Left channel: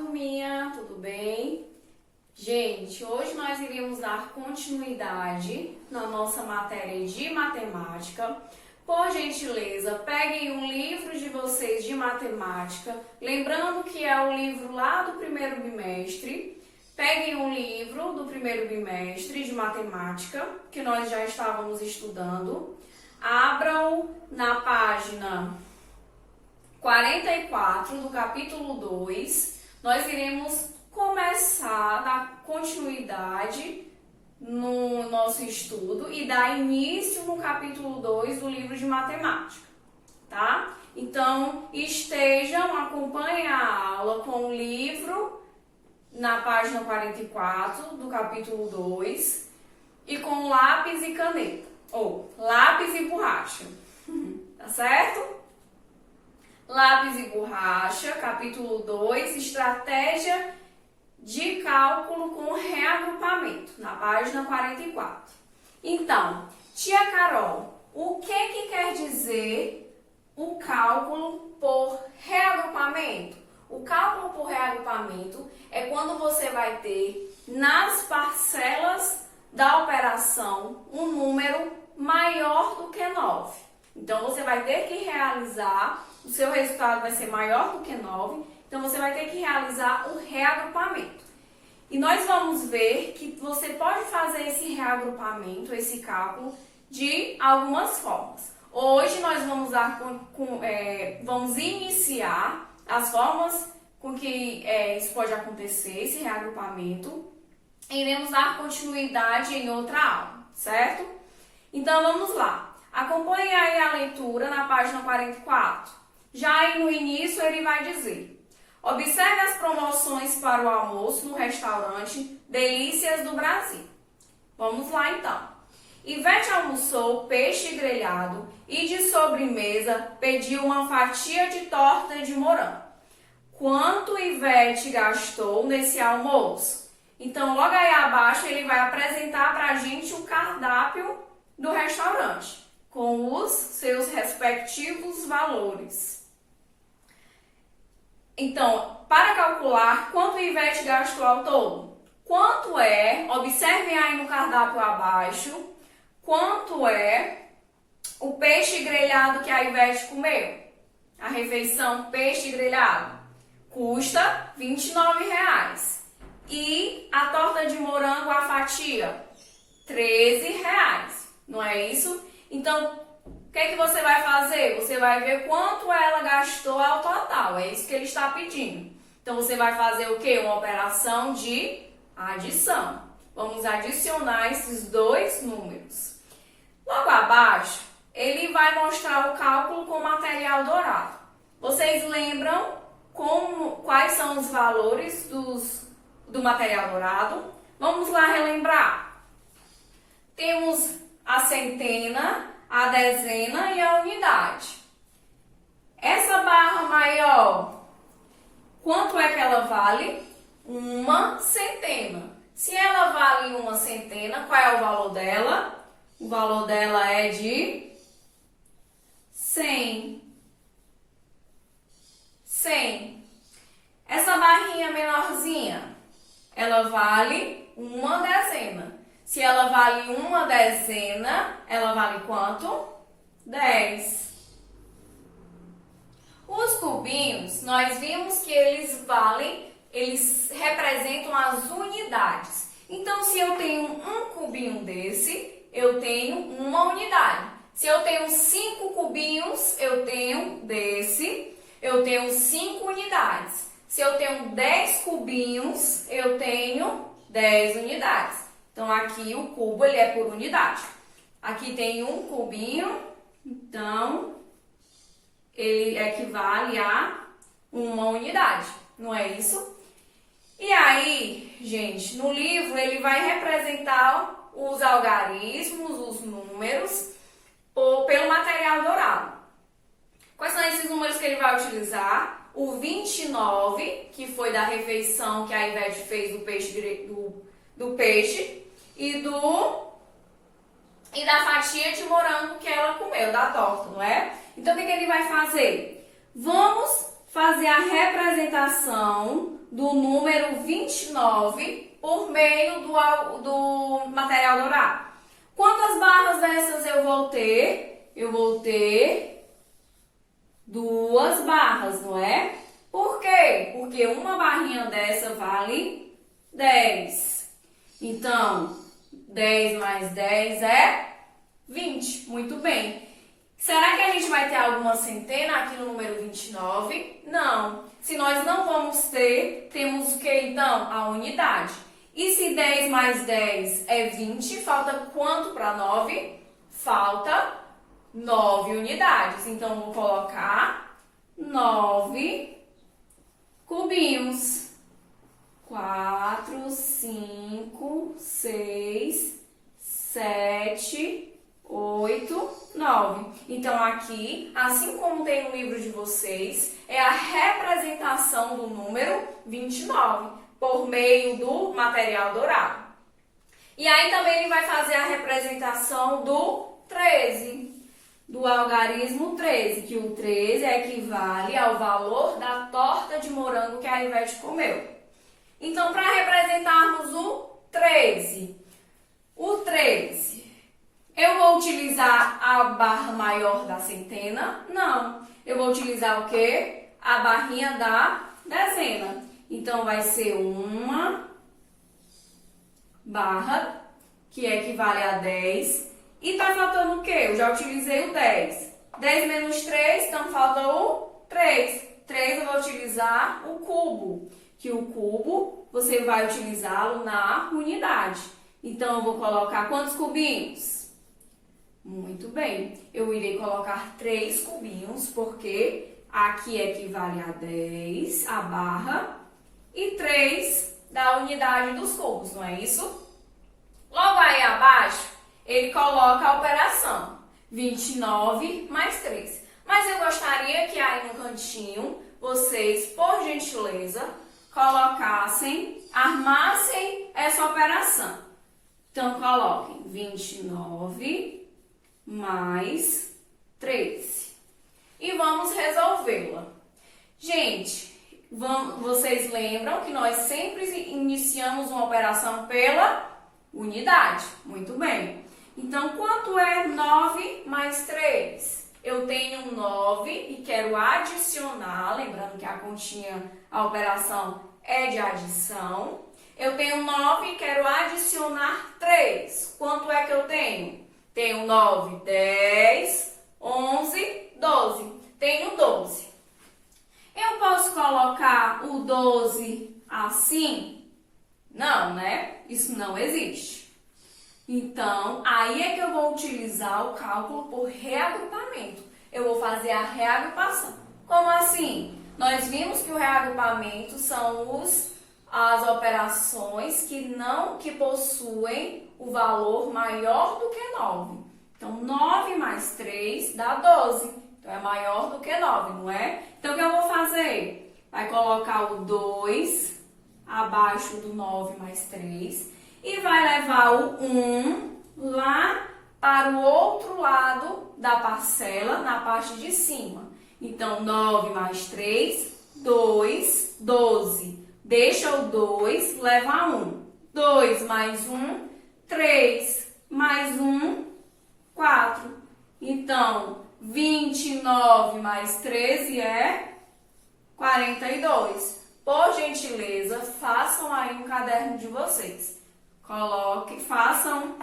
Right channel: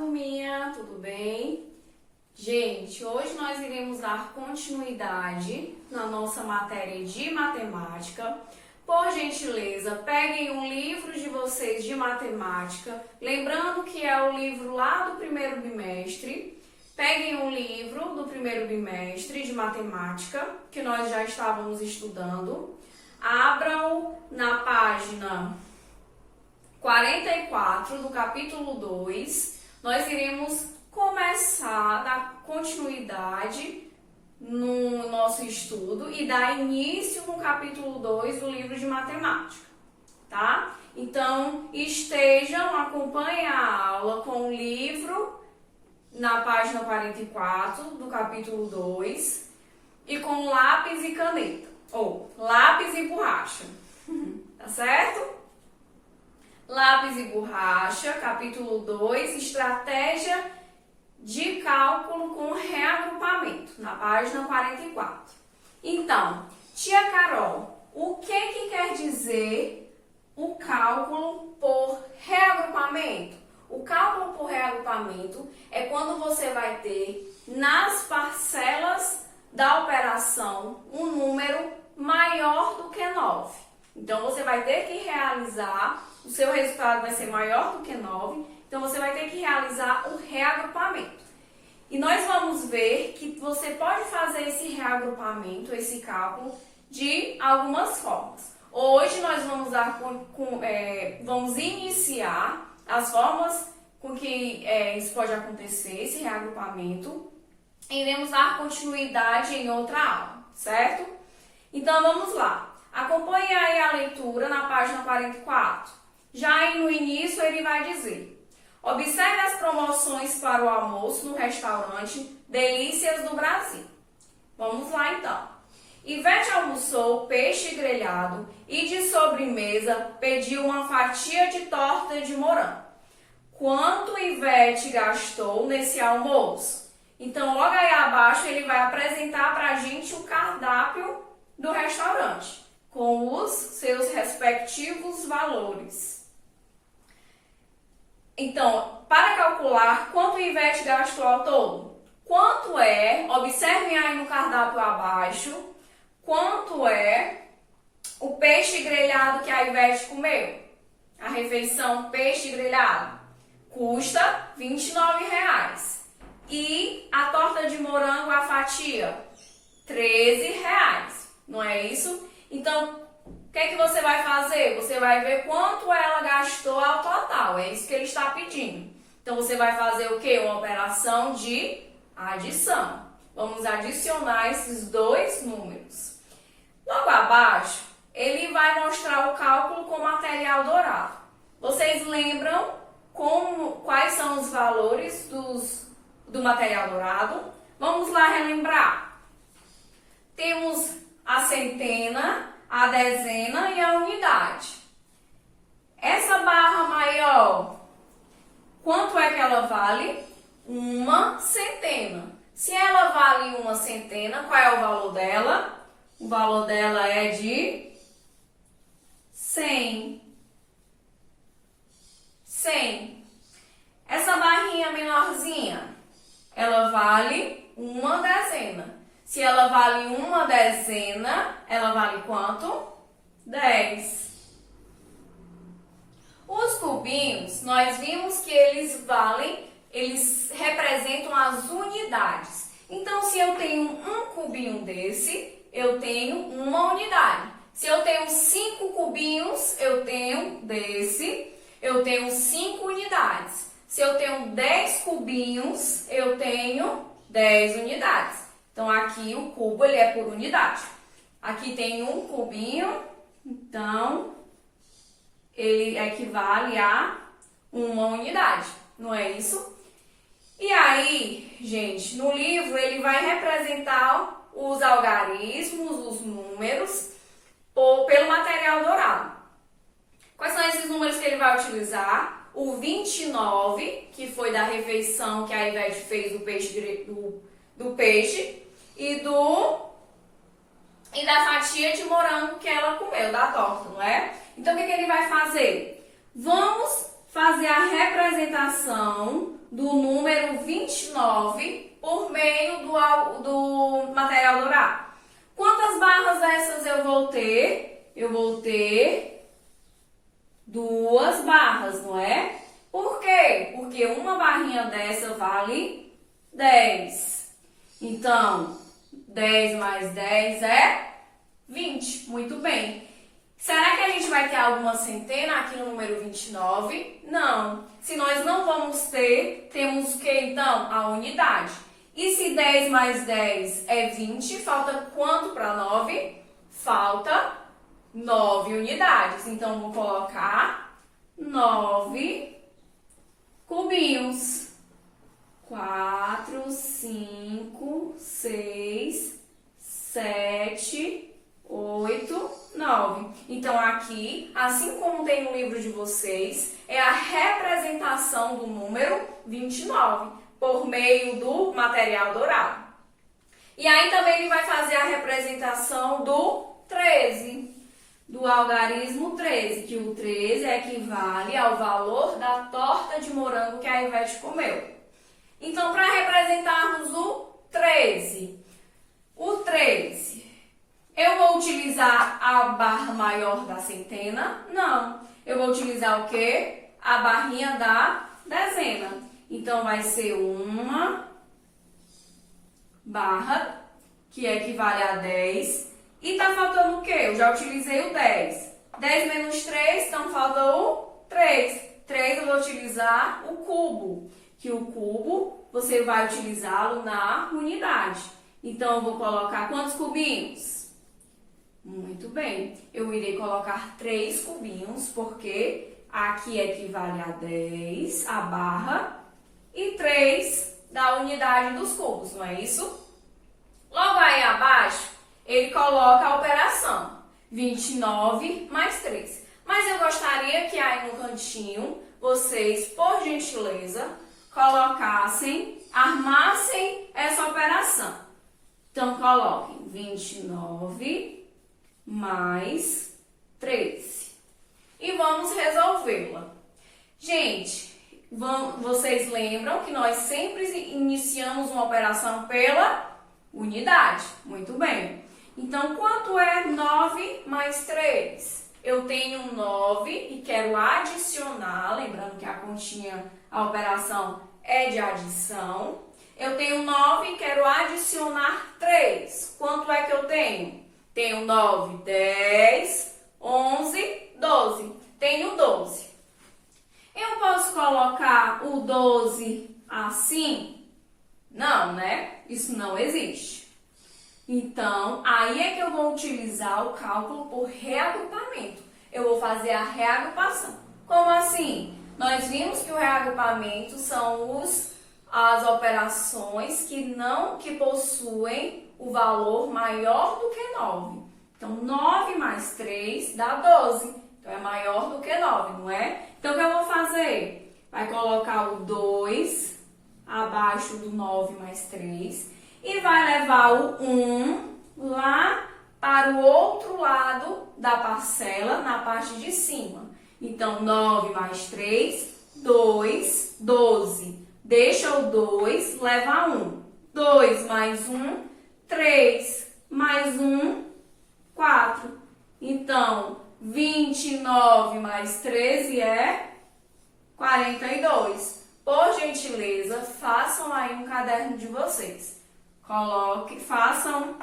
turminha, tudo bem? Gente, hoje nós iremos dar continuidade na nossa matéria de matemática. Por gentileza, peguem um livro de vocês de matemática, lembrando que é o livro lá do primeiro bimestre. Peguem um livro do primeiro bimestre de matemática, que nós já estávamos estudando. Abram na página 44 do capítulo 2, nós iremos começar a dar continuidade no nosso estudo e dar início no capítulo 2 do livro de matemática, tá? Então, acompanhem a aula com o livro na página 44 do capítulo 2 e com lápis e caneta, ou lápis e borracha, tá certo? Lápis e borracha, capítulo 2, estratégia de cálculo com reagrupamento, na página 44. Então, tia Carol, o que quer dizer o cálculo por reagrupamento? O cálculo por reagrupamento é quando você vai ter nas parcelas da operação um número maior do que 9. Então, você vai ter que realizar, o seu resultado vai ser maior do que 9, então você vai ter que realizar o reagrupamento. E nós vamos ver que você pode fazer esse reagrupamento, esse cálculo, de algumas formas. Hoje nós vamos vamos iniciar as formas com que isso pode acontecer, esse reagrupamento. Iremos dar continuidade em outra aula, certo? Então vamos lá. Acompanhe aí a leitura na página 44. Já aí no início ele vai dizer: observe as promoções para o almoço no restaurante Delícias do Brasil. Vamos lá então. Ivete almoçou peixe grelhado e de sobremesa pediu uma fatia de torta de morango. Quanto Ivete gastou nesse almoço? Então logo aí abaixo ele vai apresentar para a gente o cardápio do restaurante, com os seus respectivos valores. Então, para calcular quanto a Ivete gastou ao todo, quanto é, observem aí no cardápio abaixo, quanto é o peixe grelhado que a Ivete comeu. A refeição peixe grelhado custa R$ 29,00. E a torta de morango, a fatia, R$ 13,00. Não é isso? Então, o que você vai fazer? Você vai ver quanto ela gastou ao total. É isso que ele está pedindo. Então, você vai fazer o quê? Uma operação de adição. Vamos adicionar esses dois números. Logo abaixo, ele vai mostrar o cálculo com material dourado. Vocês lembram quais são os valores do material dourado? Vamos lá relembrar. Temos a centena, a dezena e a unidade. Essa barra maior, quanto é que ela vale? Uma centena. Se ela vale uma centena, qual é o valor dela? O valor dela é de 100. 100. Essa barrinha menorzinha, ela vale uma dezena. Se ela vale uma dezena, ela vale quanto? 10. Os cubinhos, nós vimos que eles representam as unidades. Então, se eu tenho um cubinho desse, eu tenho uma unidade. Se eu tenho 5 cubinhos, eu tenho 5 unidades. Se eu tenho 10 cubinhos, eu tenho 10 unidades. Então, aqui o cubo ele é por unidade. Aqui tem um cubinho, então ele equivale a uma unidade, não é isso? E aí, gente, no livro ele vai representar os algarismos, os números, pelo material dourado. Quais são esses números que ele vai utilizar? O 29, que foi da refeição que a Ivete fez do peixe e da fatia de morango que ela comeu, da torta, não é? Então, o que ele vai fazer? Vamos fazer a representação do número 29 por meio do material dourado. Quantas barras dessas eu vou ter? Eu vou ter 2 barras, não é? Por quê? Porque uma barrinha dessa vale 10. Então, 10 mais 10 é 20. Muito bem. Será que a gente vai ter alguma centena aqui no número 29? Não. Se nós não vamos ter, temos o que então? A unidade. E se 10 mais 10 é 20, falta quanto para 9? Falta 9 unidades. Então, vou colocar 9 cubinhos. 4, 5, 6, 7, 8, 9. Então, aqui, assim como tem no livro de vocês, é a representação do número 29, por meio do material dourado. E aí também ele vai fazer a representação do 13, do algarismo 13, que o 13 equivale ao valor da torta de morango que a Ivete comeu. Então, para representarmos o 13, eu vou utilizar a barra maior da centena? Não. Eu vou utilizar o quê? A barrinha da dezena. Então, vai ser uma barra, que equivale a 10. E tá faltando o quê? Eu já utilizei o 10. 10 menos 3, então falta o 3. 3 eu vou utilizar o cubo, que o cubo você vai utilizá-lo na unidade. Então, eu vou colocar quantos cubinhos? Muito bem. Eu irei colocar 3 cubinhos, porque aqui equivale a 10, a barra, e 3 da unidade dos cubos, não é isso? Logo aí abaixo, ele coloca a operação 29 mais 3. Mas eu gostaria que aí no cantinho, vocês, por gentileza, colocassem, armassem essa operação. Então, coloquem 29 mais 13. E vamos resolvê-la. Gente, vocês lembram que nós sempre iniciamos uma operação pela unidade. Muito bem. Então, quanto é 9 mais 3? Eu tenho 9 e quero adicionar, lembrando que a continha, a operação é de adição. Eu tenho 9 e quero adicionar 3. Quanto é que eu tenho? Tenho 9, 10, 11, 12. Tenho 12. Eu posso colocar o 12 assim? Não, né? Isso não existe. Então, aí é que eu vou utilizar o cálculo por reagrupamento. Eu vou fazer a reagrupação. Como assim? Nós vimos que o reagrupamento são as operações que possuem o valor maior do que 9. Então, 9 mais 3 dá 12. Então, é maior do que 9, não é? Então, o que eu vou fazer? Vai colocar o 2 abaixo do 9 mais 3 e vai levar o 1 lá para o outro lado da parcela, na parte de cima. Então, 9 mais 3, 2, 12. Deixa o 2, leva 1. 2 mais 1, 3 mais 1, 4. Então, 29 mais 13 é 42. Por gentileza, façam aí um caderno de vocês. Façam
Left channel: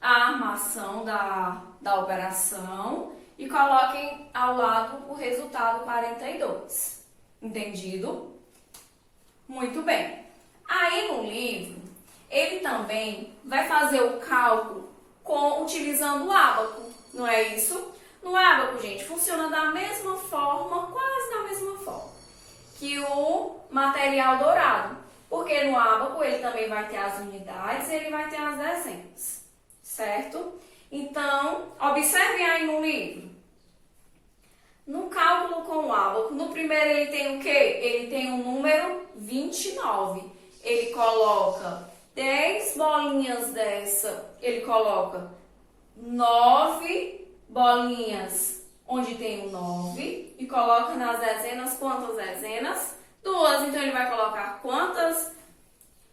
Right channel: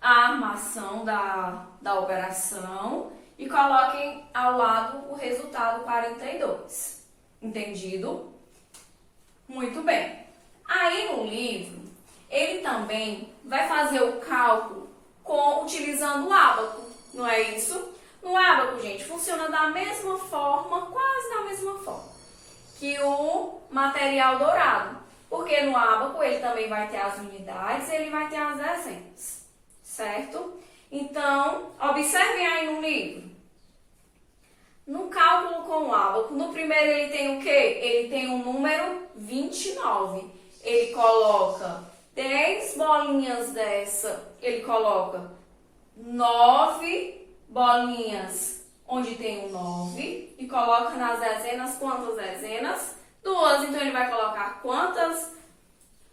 a armação da operação e coloquem ao lado o resultado 42. Entendido? Muito bem. Aí no livro, ele também vai fazer o cálculo utilizando o ábaco, não é isso? No ábaco, gente, funciona da mesma forma, quase da mesma forma, que o material dourado. Porque no ábaco ele também vai ter as unidades e ele vai ter as dezenas, certo? Então, observem aí no livro. No cálculo com o ábaco, no primeiro ele tem o quê? Ele tem o número 29. Ele coloca 10 bolinhas dessa, ele coloca 9 bolinhas onde tem o 9 e coloca nas dezenas quantas dezenas? 2. Então, ele vai colocar quantas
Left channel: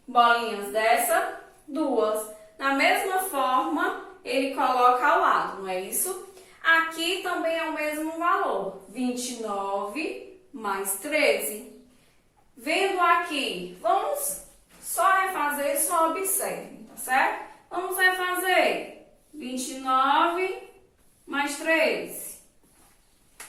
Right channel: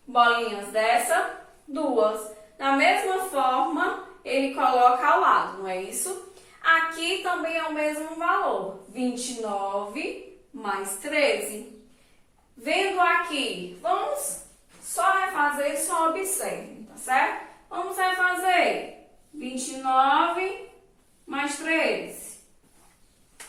bolinhas dessa? 2. Da mesma forma, ele coloca ao lado, não é isso? Aqui também é o mesmo valor, 29 mais 13. Vendo aqui, vamos só refazer, só observe, tá certo? Vamos refazer 29 mais 13.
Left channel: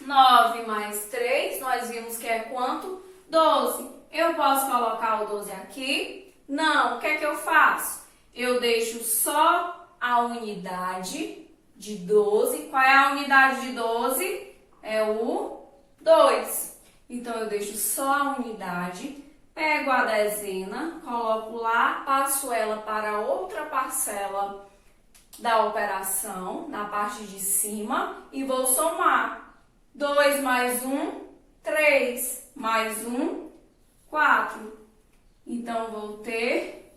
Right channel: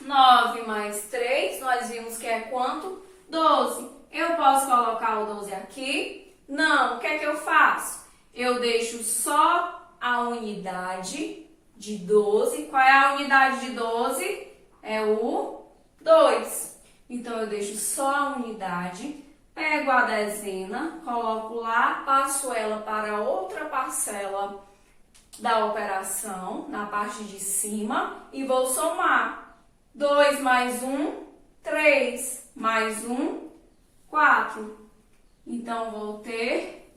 9 mais 3, nós vimos que é quanto? 12. Eu posso colocar o 12 aqui? Não. O que é que eu faço? Eu deixo só a unidade de 12. Qual é a unidade de 12? É o 2. Então, eu deixo só a unidade, pego a dezena, coloco lá, passo ela para outra parcela da operação, na parte de cima, e vou somar. 2 mais 1, 3, mais 1, 4. Então, vou ter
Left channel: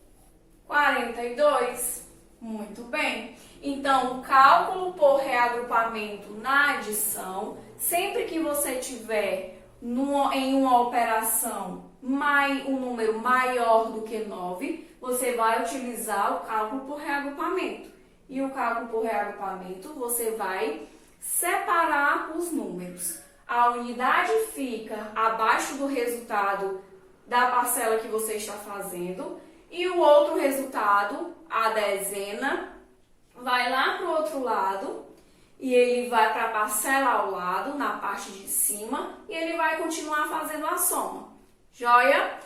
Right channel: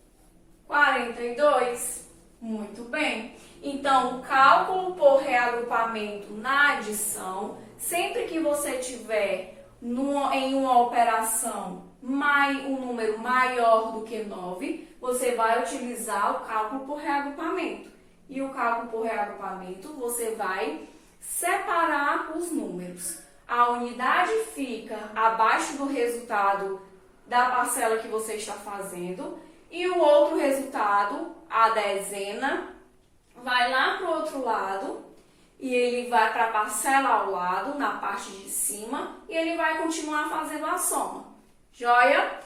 42. Muito bem. Então, o cálculo por reagrupamento na adição, sempre que você tiver em uma operação um número maior do que 9, você vai utilizar o cálculo por reagrupamento. E o cálculo por reagrupamento, você vai separar os números. A unidade fica abaixo do resultado da parcela que você está fazendo e o outro resultado, a dezena, vai lá para o outro lado e ele vai para a parcela ao lado, na parte de cima, e ele vai continuar fazendo a soma. Joia?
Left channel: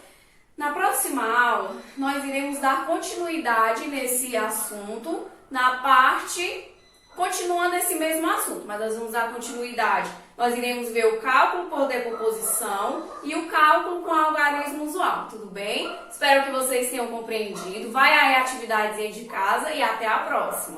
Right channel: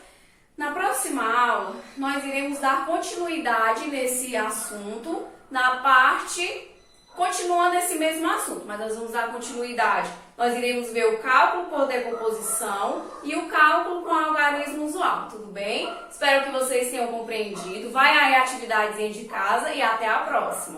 Na próxima aula, nós iremos dar continuidade nesse assunto, na parte... Continuando esse mesmo assunto, mas nós vamos dar continuidade. Nós iremos ver o cálculo por decomposição e o cálculo com algarismo usual, tudo bem? Espero que vocês tenham compreendido. Vai aí atividades de casa e até a próxima.